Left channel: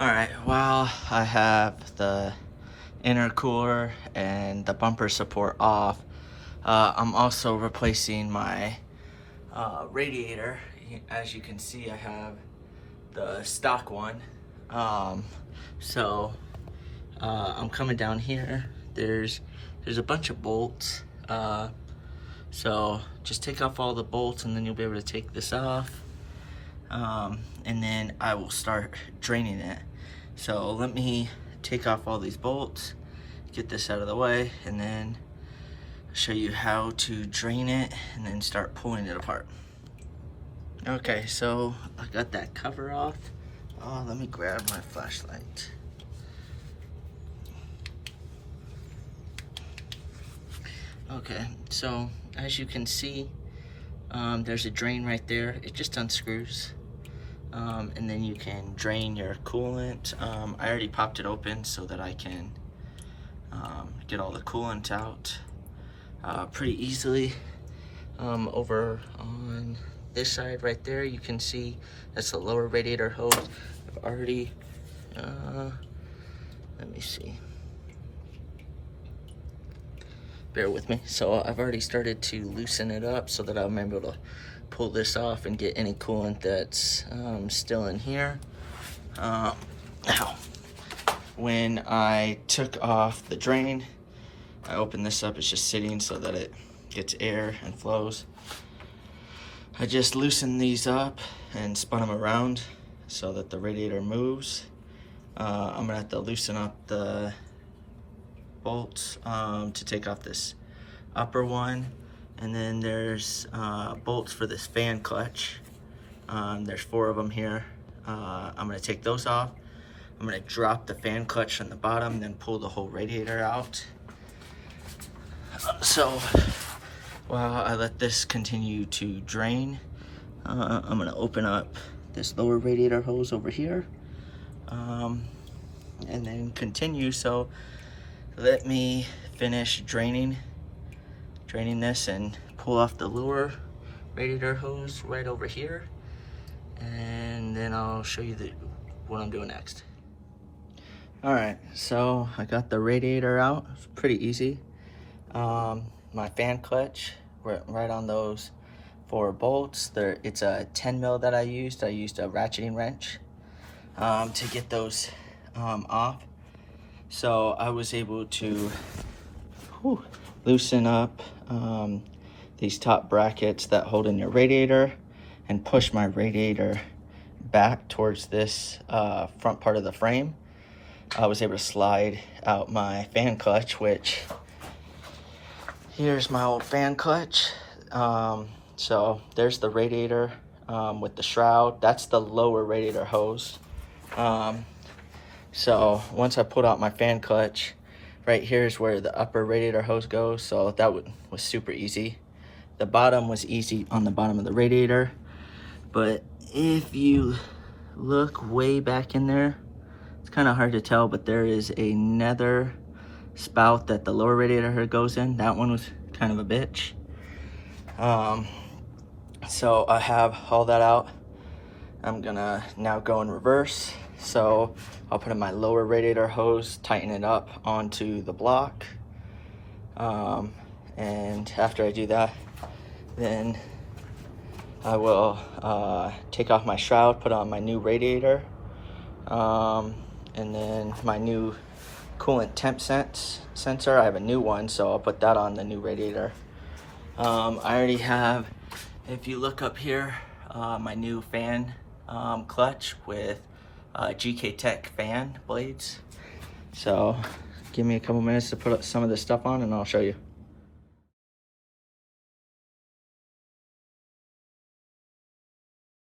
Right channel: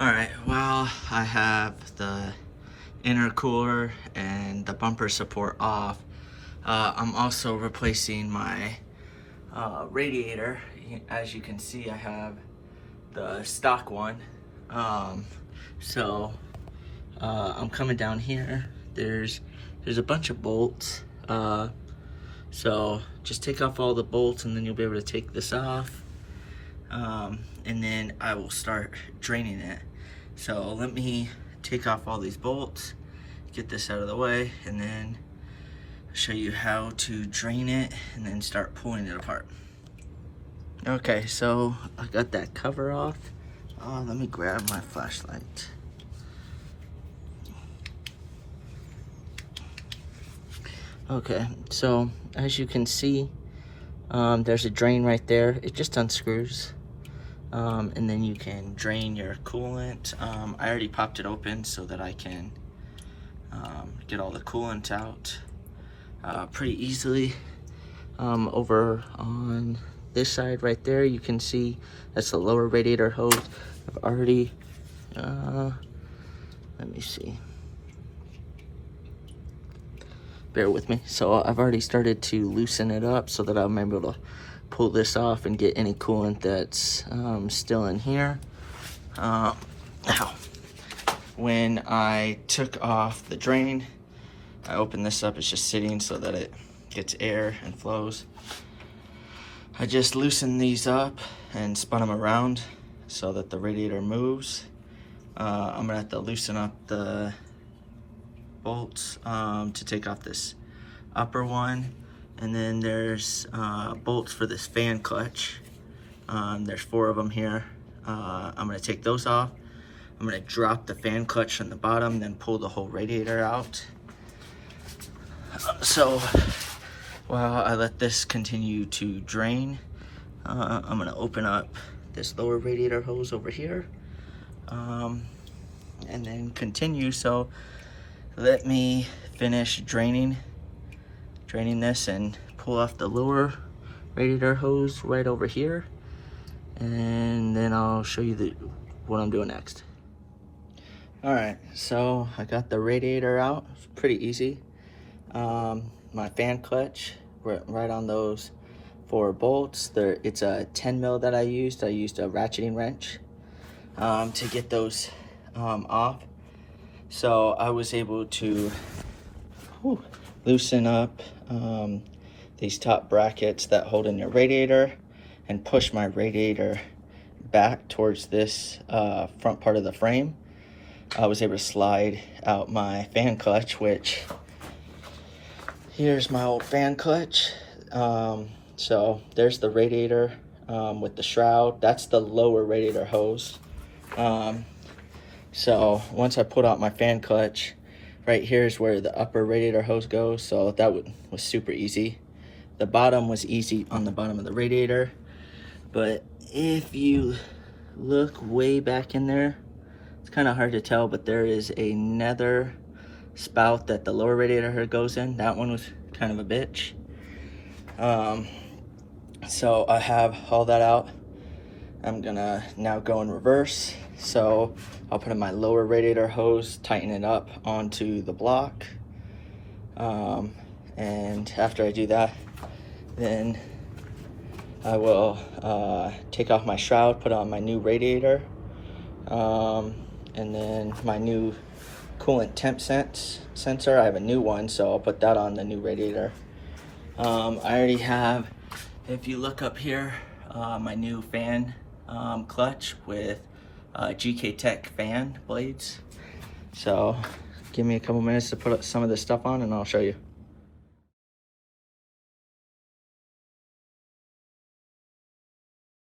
Alright, well, I have the intercooler and the bumper support off. I'm also replacing my radiator. As you can see, I have the stock one. I'm coming down here. There's a bunch of bolts. So just take off all the bolts and then you'll be able to take this off. And then I will start draining it. So let me take off all these bolts, get this out of the way, and then show you how to drain it and then start pulling it apart. Okay, so I got that cover off. Let me grab my flashlight. Okay, so as you can see, there's a drain right there. It just unscrews. And then you can drain your coolant. I already popped it open so that I can get all the coolant out pretty easily. Over on this side right there, you can see that's the lower radiator hose. I've already, let me see. Bear with me. So I've already started to loosen it up so that I'm able to pull this off and get any coolant that's still in here. Now, when I took off the drain, I opened this up. It's just sitting so that it gets air and flows. I just loosened these up and spun them around so that the radiator moves. I'm gonna have to loosen up the bolts to take off this upper one. And then there's bolts for this fan clutch. There's 4 of them here. I'm gonna take those off. I'm gonna drop the fan clutch from the bottom, then pull the whole radiator out. So while I let this continue to drain, I'm gonna open up this lower radiator hose over here, and then continue. So let me finish draining this and pull off the lower radiator hose right over here, and then I'll show you what I'm doing next. All right, so I got the radiator out. It's pretty easy. My fan clutch, right on those 4 bolts. It's a 10 mil that I used. I used a ratcheting wrench to get those off. So I was able to loosen up these top brackets that hold in your radiator and push my radiator back towards this front part of the frame. I was able to slide out my fan clutch, which here's my old fan clutch. So there's the radiator with the shroud. That's the lower radiator hose. So once I put out my fan clutch, right here is where the upper radiator hose goes, so that was super easy. The bottom was easy on the bottom of the radiator, but if you look way back in there, it's kind of hard to tell, but there is another spout that the lower radiator goes in. That one was kind of a bitch. So I have all that out. I'm gonna now go in reverse. So I'll put in my lower radiator hose, tighten it up onto the block. And after I do that, then I will take off my shroud, put on my new radiator, and then my new coolant temp sensor. I have a new one, so I'll put that on the new radiator. I already have, if you look up here, my new fan clutch with GK Tech fan blades. So give me a couple minutes to put some of this stuff on and I'll show you.